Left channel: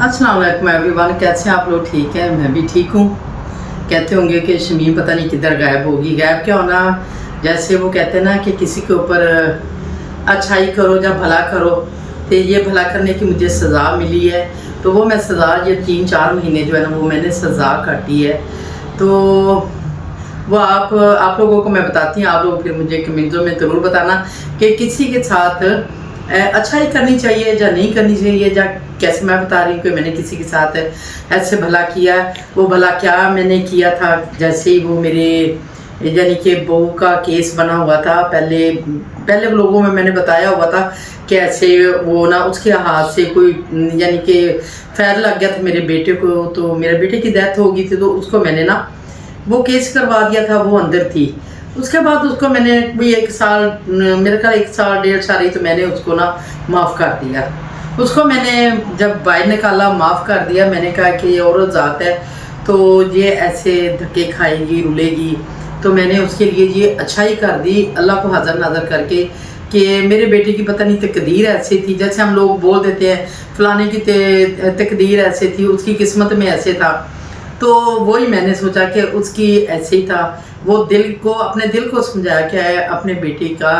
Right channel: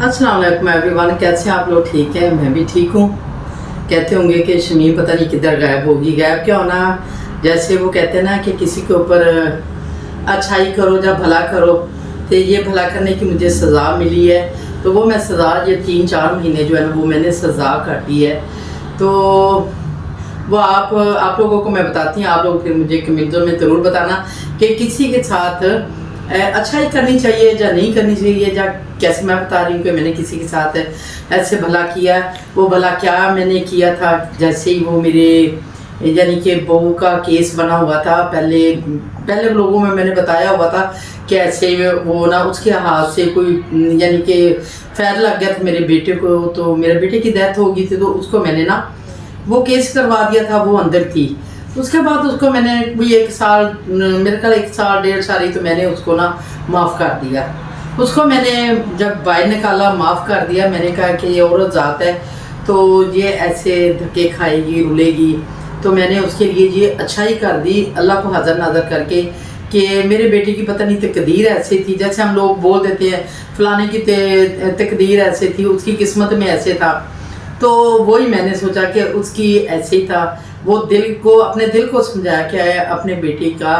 अस्सलाम वालेकुम एवरीवन, कैसे हैं आप लोग? ठीक है, मैं भी ठीक हूँ। कहते होंगे कि शमीम पता नहीं किधर गायब होगी। गायब क्या होना, जैसे वो कहते हैं ना कि किसी के ऊपर अच्छाई करो या भला करो, तो ये भला करने की मुझे सज़ा मिली है। तो वो मैं सज़ा ये 3-4 महीने जो है ना वो मैंने सज़ा काटी है। तो वो आप लोगों को मैं बताती हूँ, आप लोग फिर मुझे कमेंटों में ज़रूर बताना कि किसी के साथ अच्छाई करनी चाहिए या नहीं करनी चाहिए, या कैसे मैं बता रही हूँ कि मैंने किसी के साथ ऐसे भला किया। वो भला क्या मैंने किया था, जैसे ही वो मेरे यानी कि बहू का केस बना हुआ था, पहले लोगों में मैंने बताया हुआ था कि ऐसे वो ना उसके हाथ से कोई यानी कि फैर लग गया था मेरे बेटे को। तो मेरे बेटे की डेथ हो गई थी, तो उसको मैंने ना वो केस करवा दिया था, वो अंदर थी। उसके बाद उसको मैंने भी 1 साल, मेरे ख्याल 1 साल 1.5 साल ही, तो मैंने उसको ना माफ़ कर दिया। उसको मैंने जब बाहर निकाला, माफ़ कर दिया। मैंने कहा कि ये औरत ज़ात है, तो ये ऐसे धक्के खाएगी, रुलेगी। तो मैंने उसके लिए ये अच्छाई कर दी, अल्लाह को हाज़र नाज़र करके, कि मेरे बेटे की पता नहीं तकदीर ऐसी थी। जैसे हम लोग बोल देते हैं फ़लाने की तकदीर ऐसे थी, उसकी किस्मत में ऐसे था। तो वही मैंने सोचा कि उसकी ऐसे ही था। वो अपने दिल को समझाया क्या है, अपने बेटे का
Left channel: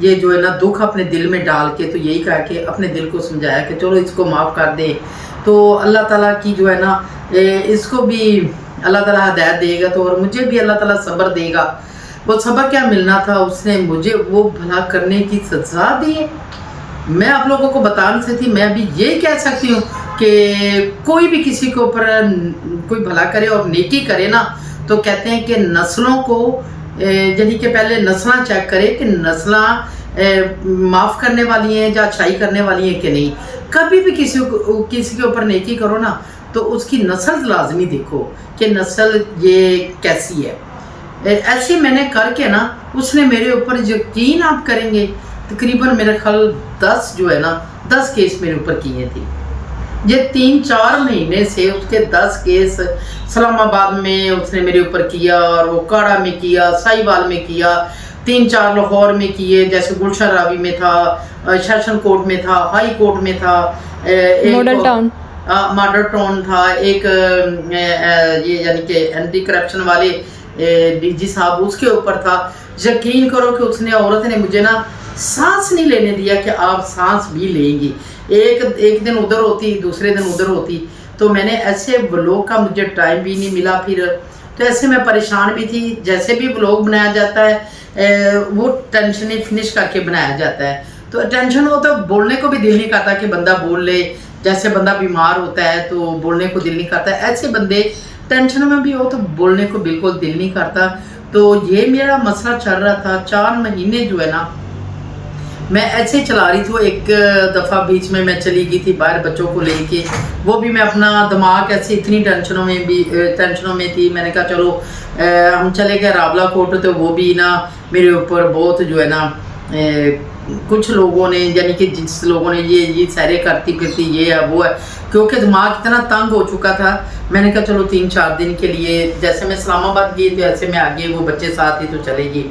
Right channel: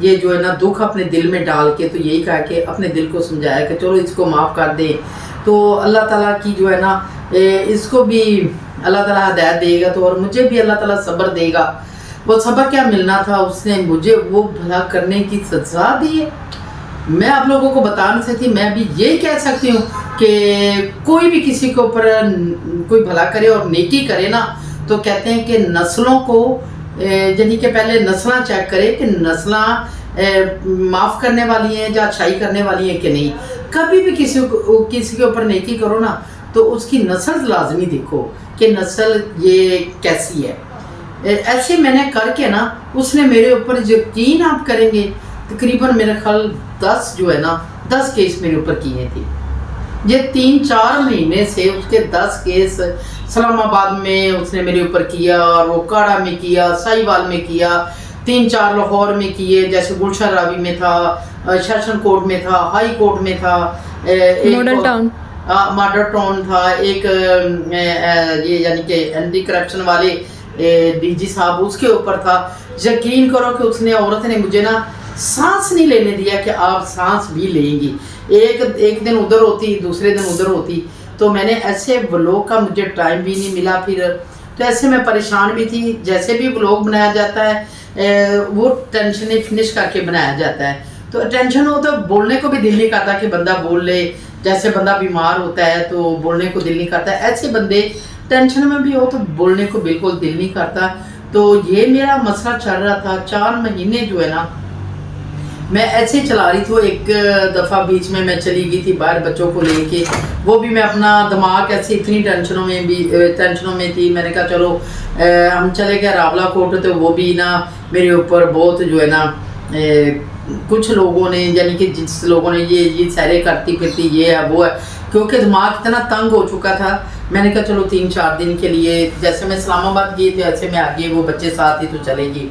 ये जो है ना दुख अपने दिल में डाल के, तो यही कहा कि अपने दिल को समझाया कि चलो इसको माफ़ कर दें। तो अल्लाह ताला की जो है ना इसको भी अल्लाह ताला हिदायत देगा, तो और मुझे भी अल्लाह ताला सब्र देगा। वो सब्र क्या मिलना था, उसने मुझे वो भला करने की सज़ा दी है। मैं आप लोगों को बता नहीं सकती। मैं अभी यही कह सकती हूँ कि कोई भी किसी के ऊपर कोई भला करे और नेकी करे ना, तो कहते हैं कि नस्लों को यानी कि पहले नस्लां चेक करे कि नस्लां माफ़ करने वाली हैं या अच्छाई करने वाली हैं कि नहीं। कभी भी किसी के ऊपर नेकी करो ना, तो उसकी नस्ल लाजमी देखो कि नस्ल ये कैसी है। ऐसे मैंने करके ना उसने मेरे ऊपर, यकीन आप करेंगे, तकरीबन मेरे ख्याल 10 जो है ना 10 केस मेरे ऊपर किए थे। ये 3-4 महीने से उसके 10 केस इस्लामाबाद में उसने मेरे ऊपर किया, और वो काड़ा में किया, साहिवाल में किया, 3-4 लाहौर में किए, जैसे गुलशन रावी में था, सेशन कोर्ट में था, हाई कोर्ट में था, मॉडल टाउन था, एक ये यानी कि एंटी करप्शन वाले डीजी साहब, उसके ऊपर था। यकीन करो कि उसने औरत ने मुझे ना सांस नहीं लेने दिया कि आप सांस भी लेंगी। एक दिन उधर होती, दूसरे दिन उधर होती। तो मैंने ऐसे व्लॉग का मुझे टाइम भी नहीं मिला फिर। तो ऐसे मैं परेशान भी थी। जैसे भी व्लॉग बनाया जाता है वो टेंशन फिनिश करके बनाया जाता है। तो टेंशन हो तो बोलने को भी दिल नहीं करता कि बंदा बोल ले। जैसे बंदा बीमार होता है तो बोलने को दिल नहीं करता। ऐसे बंदे टेंशन में भी हो तो बोलने को बिल्कुल दिल नहीं करता। तो ये मेरा मसला चल रहा था 4 महीने जो है ना, मैं ऐसे ही चला रही थी। एक दफ़ा बीच में मैं चली गई थी बाहर बच्चों को लेके, वो भी मैं अपना दिमाग ऐसे इतनी टेंशनों में थी। मैंने कहा चलो हम चले गए रावला कोट। तो वो भी ना मेरे ऊपर बहुत जो है ना कुछ लोगों ने, यानी कि जिस लोगों ने ये सैरे करती फिरती ये है वो है, क्योंकि दिमाग इतना तंग हो चुका था। मैंने कहा चलो 3-4 दिन के लिए, जैसे मैं इस्लामाबाद गई तो ऐसे मैं आगे वो बच्चे साथ ही तो चलेगी।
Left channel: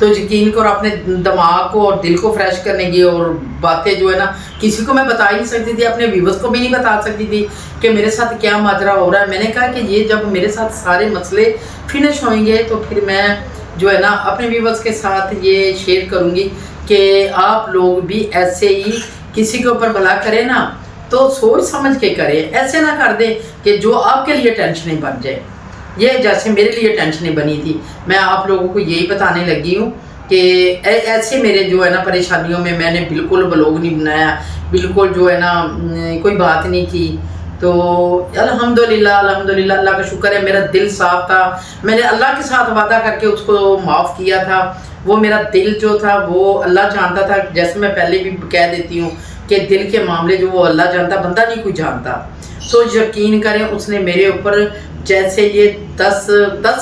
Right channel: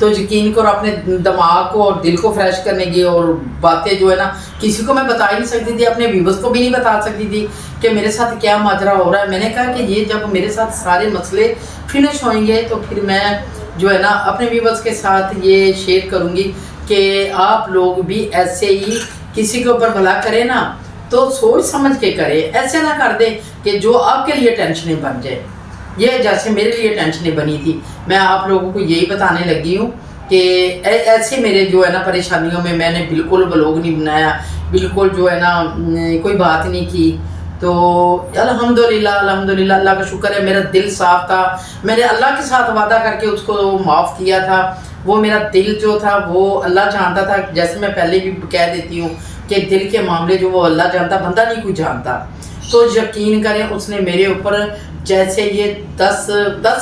तो यकीन करो अपने दिमाग को और दिल को फ्रेश करने की, और बातें जो है ना किसी को मैं बता ही नहीं सकती थी, अपने व्यूवर्स को भी नहीं बता सकती थी कि मेरे साथ क्या माजरा हो रहा है। मैंने कहा कि ये जब मेरे साथ सारे मसले फिनिश होंगे तो फिर मैं जो है ना अपने व्यूवर्स के साथ ये शेयर करूँगी कि आप लोग भी ऐसे ही किसी के ऊपर भला करें ना, तो सोच समझ के करें। ऐसे ना कर दें कि जो आपके लिए टेंशनें बन जाए। ये जैसे मेरे लिए टेंशनें बनी थी, मैं आप लोगों को यही बताने लगी हूँ कि ऐसे मेरे जो है ना परेशानियों में मैंने बिल्कुल व्लॉग नहीं बनाया, बिल्कुल जो है ना कोई बात नहीं की। तो अल्हम्दुलिल्लाह अल्लाह का शुक्र है, मेरा दिल साफ था। मैंने अल्लाह के साथ वादा करके उसको माफ़ किया था। वो मेरा दिल जो था वो अल्लाह जानता था। जैसे मैं पहले भी कह देती हूँ कि दिल के मामले जो वो अल्लाह जानता, बंदा नहीं कोई जानता। तो यकीन करें उसने मेरे ऊपर जैसे ये 10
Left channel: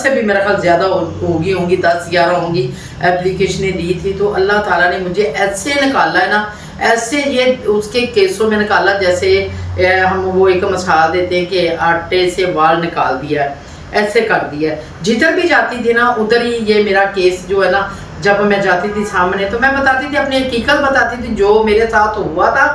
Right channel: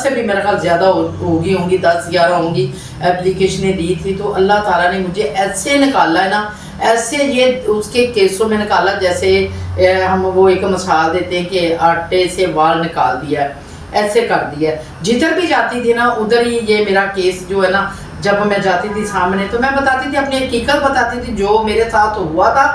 से भी मेरा ख्याल ज़्यादा होंगी 10-11 होंगी एप्लीकेशनें दी थी। तो अल्लाह ताला ने मुझे ऐसे निकाला है ना, ऐसे ये उसके केसों में निकाला जैसे हम वो एक मिसाल देते हैं कि आटे से वाल निकाल दिया, ऐसे कर दिया। जिधर भी जाती थी ना उधर ही ये मेरा केस जो है ना, जब मैं जाती थी सामने तो मैं बताती थी, अपनी हकीकत बताती थी, जो मेरे साथ हुआ था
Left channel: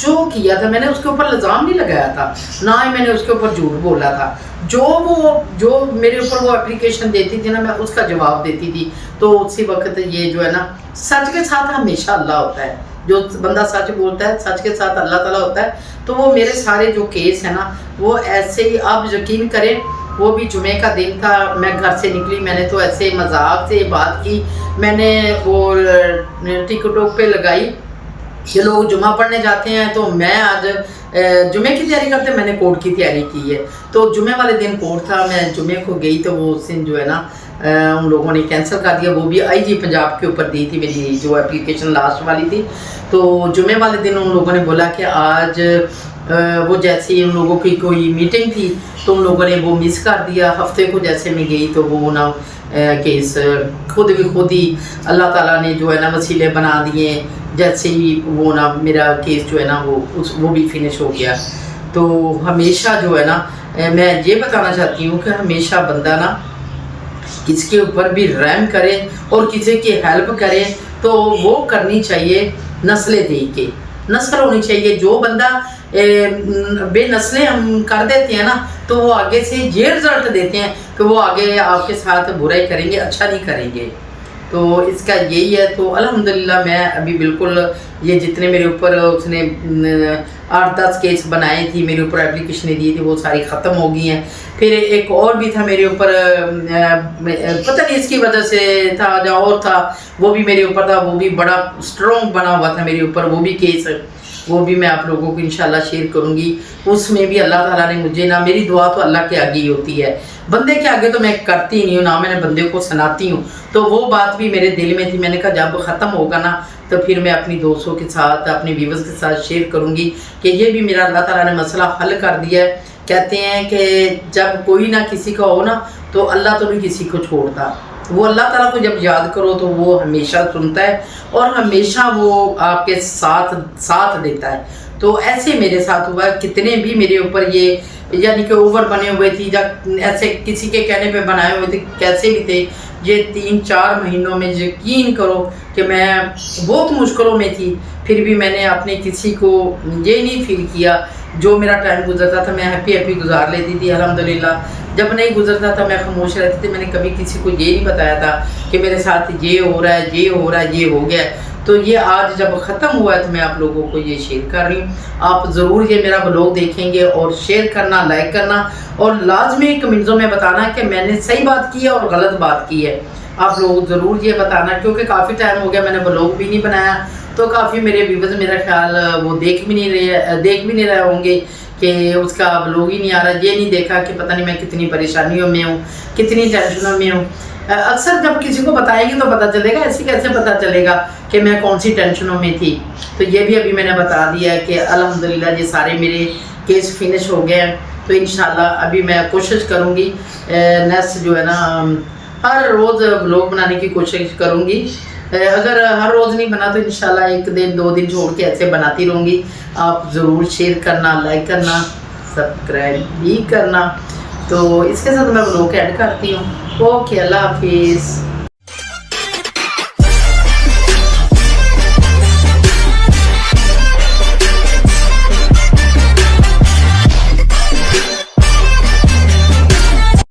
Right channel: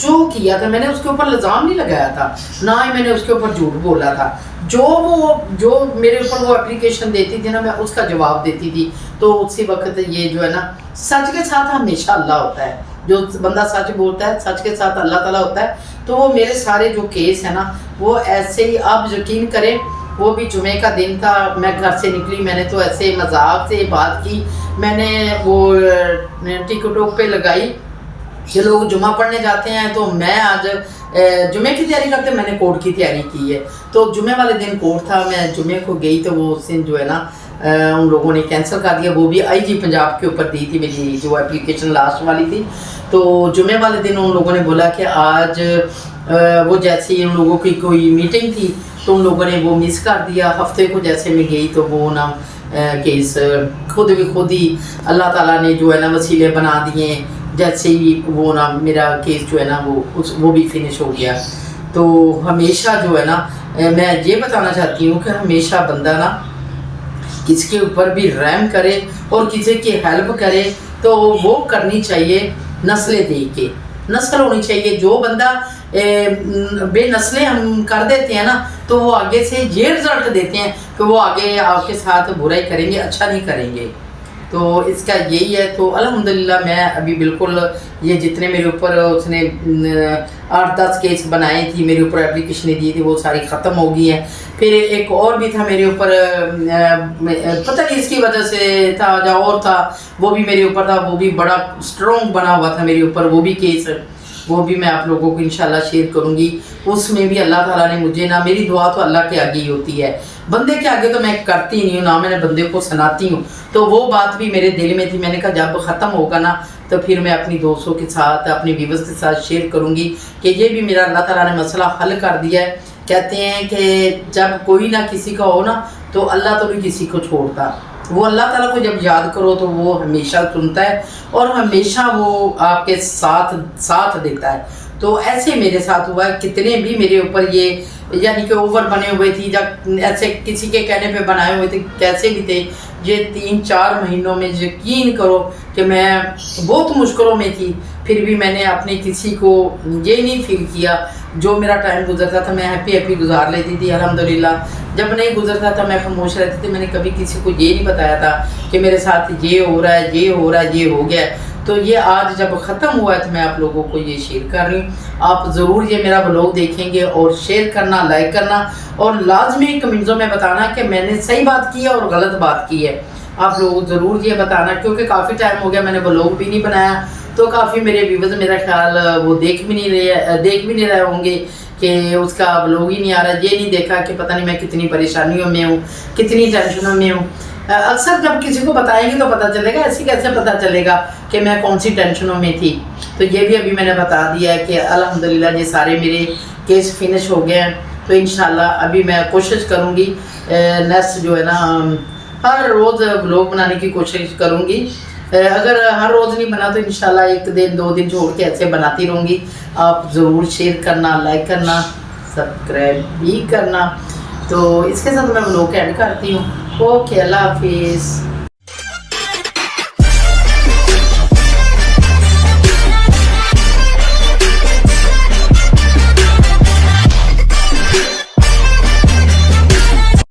جو کیا تھا میں نے اس کے اوپر الزام نہیں لگایا تھا، نہ ہی میں نے اس کے اوپر جھوٹ بولا تھا. جو میرے اوپر وہ اپلیکیشن دیتی تھی نا میں اس کا جواب دیتی تھی. تو اسی وقت یہ جو ہے نا سچ کے ساتھ ہمیشہ اللہ ہوتا ہے، جو بندہ سچ بولتا ہے سچ کے ساتھ اللہ تعالیٰ ہوتا ہے. تو وہ میرے سارے جو کیس ہیں نا وہ ایسے ہی آپ یقین کریں. وہ بھی جمعے کا دن تھا، میں گھر سے نکلی، میں نے تو ایسے مذاق سے بات کی، میں نے وہ ٹک ٹاک پہ لگائی کہ لوگ جمعہ پڑھنے جاتے ہیں تو میں آج جمعے کی تیاری کرتے، میں نے کورٹ کی تیاری کی ہے. تو جمعے والے دن کورٹ تھا، میں جمعے کو گئی تو وہ اس دن جو ہے نا ان لوگوں نے کینسل کر دیا. وہ بھی آئی جی پنجاب کے اوپر دی تھی میری جو اپلیکیشن لاسٹ والی تھی. تو جمعے والے دن ان لوگوں نے بولا کہ آج وہ جیسے ہی ان لوگوں کی کوئی میٹنگ تھی تو ان لوگوں نے وہ مس کر دیا. ہفتے کو جیسے میں گئی تو وہ نا کیس خود ہی اللہ تعالیٰ نے جو ہے نا وسیلے بنا دیے. جیسے ہی وہ نا میرا کیس جو ہے نا وہ بھی فنش ہو گیا. تو ہمیشہ جو ہے نا میں یہ بتانا چاہتی ہوں کہ ہمیشہ بندہ نا کسی کے اوپر بھی رحم کرے اور کسی کی ہیلپ کرے تو وہ کرنی چاہیے نسلیں دیکھ کے. نسل ہونی چاہیے. جو بندہ بے نسلیں ہم کر دیتے ہیں نا تو وہ آگے سے یہ رزلٹ دیتے ہیں کہ وہ آگے آپ کے ساتھ برائی کریں گے، اچھا نہیں کریں گے. تو اس کا یہی ہے. تو الحمدللہ میں ابھی بالکل یہ جتنے میرے اوپر اس نے 8-10 کیس بنائے تھی، میرے اوپر اپلیکیشنیں دی تھی، وہ ساری ختم ہو گئی ہیں. پھر ایک اور بھی تھا میرے اوپر، پتہ نہیں اس کی وجہ سے تھا یا اور تھا، وہ بھی میرے اوپر تھا، وہ بھی بڑا اسٹرانگ بنا ہوا تھا میرے اوپر، وہ بھی کیس، وہ بھی میں آپ لوگوں کو انشاءاللہ شیئر کروں گی. اس میں بھی اللہ تعالیٰ نے مجھے نا، میری دعا تو اللہ کے آگے ہی ہوتی ہے، بندے کے آگے تو میں کرتی نہیں ہوں، نہ میں نے بندے کو سناتی ہوں. تو وہ بات بھی میرے دل میں تھی. میں نے کہا جب ختم ہوگا نا تو پھر میں اپنی دوستوں کے ساتھ، اپنی ویورز کے ساتھ شیئر کروں گی کہ یہ بھی میرا اللہ تعالیٰ نے مسئلہ حل کر دیا ہے. کہتے ہیں کہ جب کوئی نہ کسی کا ہو نا تو اللہ تو نہیں کسی کو چھوڑتا. وہ اللہ تعالیٰ کو جب یاد کرو تو وہ ہمیشہ سنتا ہے اور ہمیشہ وہ آپ کے ساتھ دیتا ہے. تو ایسے میرے ساتھ ہوا ہے. کتنے بھی میرے اوپر یہ یعنی کہ اوور بنے ہوئے تھی یا ایسے کسی کے کہنے پہ بنائے ہوئے تھے، کیسے بھی تھے، یہ 3-4 مہینوں میں یقین کرو کہ میں بہت مشکلوں میں تھی. پھر بھی میں نے اپنے کسی کو یہ نہیں فیل کیا. جو میرا ٹائم گزرتا تھا میں ہیپی گزار لیتی تھی الحمدللہ. جب نہیں گزرتا تھا میں خاموش رہتی تھی. میں نے کبھی کسی کو یہ نہیں بتایا تھا کہ میرے ساتھ یہ ہو رہا ہے، یہ ہو رہا ہے، یہ ہو گیا ہے. تو یہ آج جب ختم ہوا ہے تو میں آپ لوگوں کو یہ شیئر کر رہی ہوں. آپ ضرور یہ میرا بلاگ دیکھیں گے اور شیئر کرنا، لائک کرنا اور لازمی کمنٹوں میں بتانا کہ میں نے صحیح بات کی ہے اور غلط بات کی ہے. آپ لوگ ضرور یہ بتانا کیونکہ کافی ٹائم ہو گیا میں نے بلاگ بھی نہیں بنایا. تو کافی میرے ویورز میرا خیال وہ دیکھ بھی نہیں رہے ہوں گے کہ اس کا بلاگ ہی نہیں آ رہا. یہ نہیں دیکھا کہ پتہ نہیں میں کتنی پریشانیوں میں ہوں، کتنی ٹینشنوں میں ہوں. اکثر جب کسی کو بتائیں گے تو پتہ چلے گا، ایسے کیسے پتہ چلے گا کہ میں کون سی ٹینشنوں میں تھی. تو یہ بھی ابھی میں نے بتا دیا ہے کہ الحمدللہ یہ سارے میرے کیس فنش ہو گئے ہیں. تو انشاءاللہ ابھی میں کوشش کروں گی نیکسٹ جو ہے نا ہر روز بلاگ بنانے کی کوشش کروں گی. اگر ہر روز نہیں بنا تو انشاءاللہ 1 دن 2 دن چھوڑ کے ایسے بناتی رہوں گی. آپ ضرور شیئر کرنا، لائک کرنا، سبسکرائب بھی کرنا. تو اس کے ساتھ میں بلاگ ایڈ کرتی ہوں. اوکے، اللہ حافظ.